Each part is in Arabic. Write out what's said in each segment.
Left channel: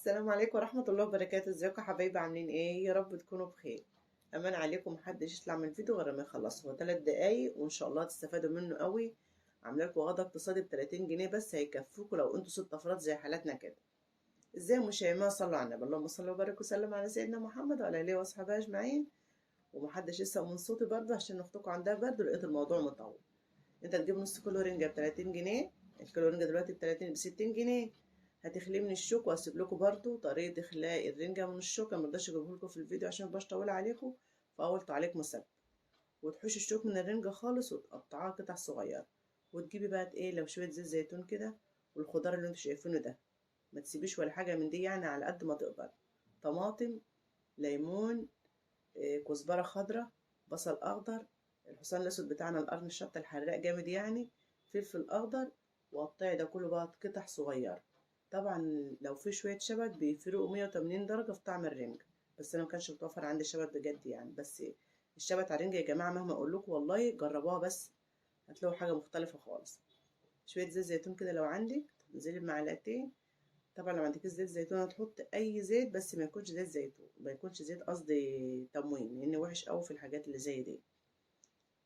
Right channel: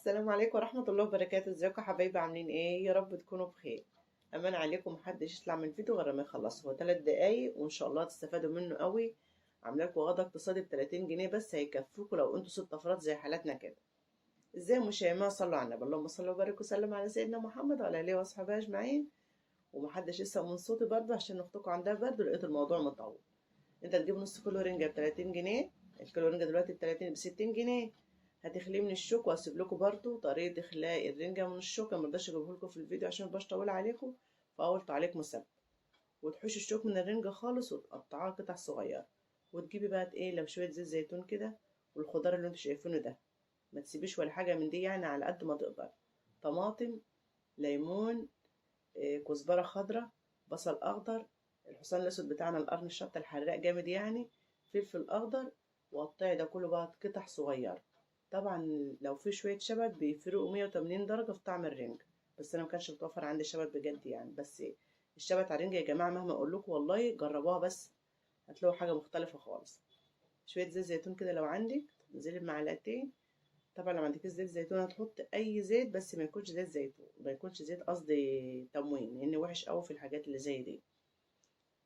السلام عليكم ورحمة الله وبركاته. ازيكم يا حبايبي؟ عاملين ايه؟ يا رب تكونوا بخير. امان عليكم، محدش يطلع من الفيديو غير ما يخلص. هو 3 دقايق وان شاء الله تستفادوا منه قوي. عامله لكم غدا اقتصادي ب 30 جنيه بس، هيكفوكوا لو انتوا 6 افراد زي حالاتنا كده. ازاي يا شيماء؟ صلوا على النبي. اللهم صل وبارك وسلم على سيدنا محمد وعلى اله واصحابه اجمعين. ومحدش يسأل من صوتي برضه عشان اختكم عندها برد ولقيت الموضوع مطول. انت تجيب نص كيلو رنجة ب 30 جنيه. الكيلو رنجة دلوقتي ب 60 جنيه. هتخليه من الشوك، وهسيب لكم برضو طريقة اخلاء الرنجة من الشوك. انا مرضاش اجيبه لكم في الفيديو عشان مبقاش طويل عليكم، فاول تعليق مثبت. وتحوش الشوك من الرنجة خالص وتقطعها قطع صغيرة. وتجيبي بقى ايه، لو شوية زيت زيتون كده، والخضار اللي انتوا شايفينه ده. ما تسيبيش ولا حاجة من دي، يعني على قد ما تقدر. طماطم، ليمون، كزبرة خضراء، بصل أخضر، الحصان الأسود بتاعنا القرن الشطة الحراق جامد يعني، فلفل أخضر. وقطعي ده كله بقى قطع صغيرة. طبعا لو في شوية شبت بيفرقوا 180 درجة في طعم الرنج. بس أنا مكانش متوفر عندي شبت بجد يعني. بس الشبت على الرنجة يا جماعة مهما أقول لكم والله جربوها، بس هتلاقوا حاجة مختلفة خالص. شوية زيت زيتون كده لو عندك تنزلي بمعلقتين. طبعا لو ما عندكيش زيت زيتون هتحط اي زيت، بس ما يكونش زيت زيتون، ما يكونش زيت قصدي تموين، لان وحش قوي في الحاجات اللي زي دي.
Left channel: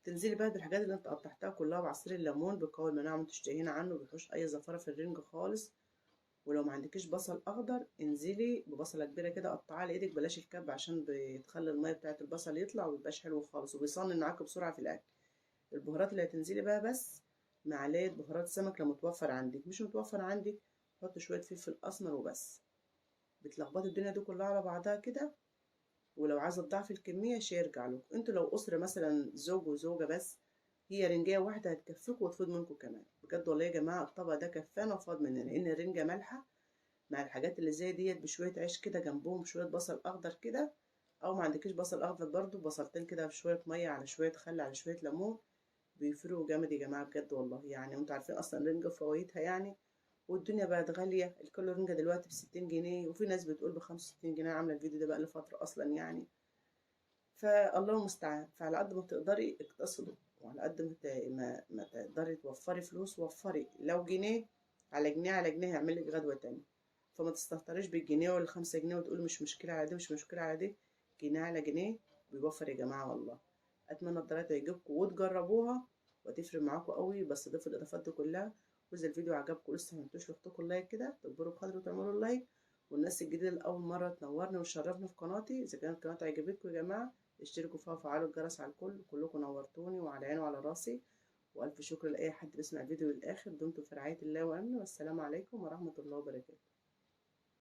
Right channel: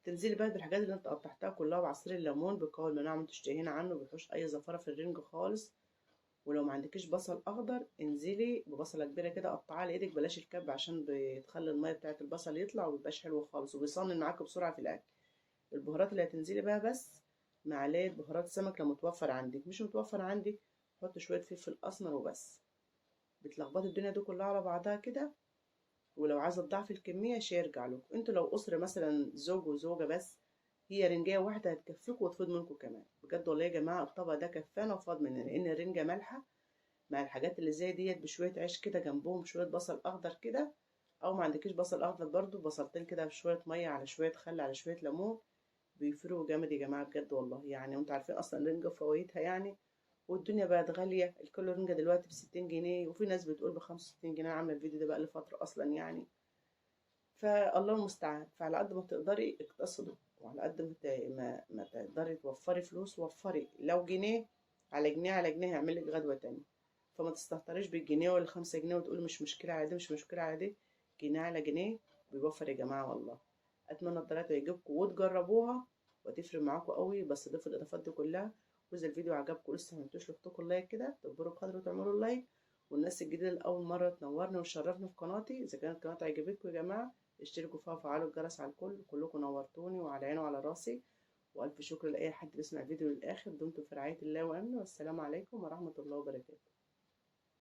تنزلي بقى بالحاجات اللي انت قطعتها كلها، وعصير الليمون بقوي المناعه ما تشتهينا عنه، بيحوش اي زفاره في الرنج خالص. ولو ما عندكيش بصل اخضر انزلي ببصله كبيره كده قطعها على ايدك، بلاش الكب عشان بتخلي الميه بتاعه البصل يطلع ومبيبقاش حلو خالص، وبيصنن معاك بسرعه في الاكل. البهارات اللي هتنزلي بقى بس معلقه بهارات سمك لو متوفر عندك. مش متوفر عندك حط شويه فلفل اسمر وبس. بتلخبطي الدنيا دي كلها على بعضها كده. ولو عايزه تضاعفي الكميه شي يرجع لكم. انتوا لو اسره مثلا زوج وزوجه بس، هي رنجايه واحده هتكفيكوا وتفيض منكم كمان. بجد والله يا جماعه الطبق ده كفانا وفاض مننا، لان الرنجه مالحه. مع الحاجات اللي زي ديت بشويه عيش كده جنبهم شويه بصل اخضر كده. او ما عندكيش بصل اخضر برضو، بصلتين كده بشويه ميه على شويه خل على شويه ليمون. بيفرقوا جامد يا جماعه بجد والله يعني. وانتوا عارفين اصلا الرنجه فوائدها يعني. والدنيا بقت غالية، الكيلو رنجة دلوقتي ب60 جنيه، وفي ناس بتقول ب65 جنيه. عاملة الفيديو ده بقى لفترة أصلا يعني. فالله المستعان. فعلى قد ما تقدري اقتصدي، وعلى قد ما تقدري توفري فلوس وفري. لو جنيه على جنيه على جنيه هيعمل لك غدوة تانية. فما تستهتريش بالجنيه ولا 5 جنيه وتقولي مش مشكلة على دي مش مشكلة على دي. جنيه على جنيه بيوفر يا جماعة والله. أتمنى الطريقة تعجبكم وتجربوها وتفرق معاكم قوي. بس ضيفوا الإضافات دي كلها. وإذا الفيديو عجبكم لسه معملتوش لاختكم اللايك كده، تكبروا بقدر وتعملوا اللايك. والناس الجديدة اللي أول مرة تنورني وتشرفني في قناتي، إذا كانت القناة عجبتكم يا جماعة اشتركوا فيها وفعلوا الجرس على الكل. كلكم نورتوني وعلى عيني وعلى راسي. وألف شكر لأي حد بيسمع الفيديو للآخر. دمتم في رعاية الله وأمنه، والسلام عليكم ورحمة الله وبركاته.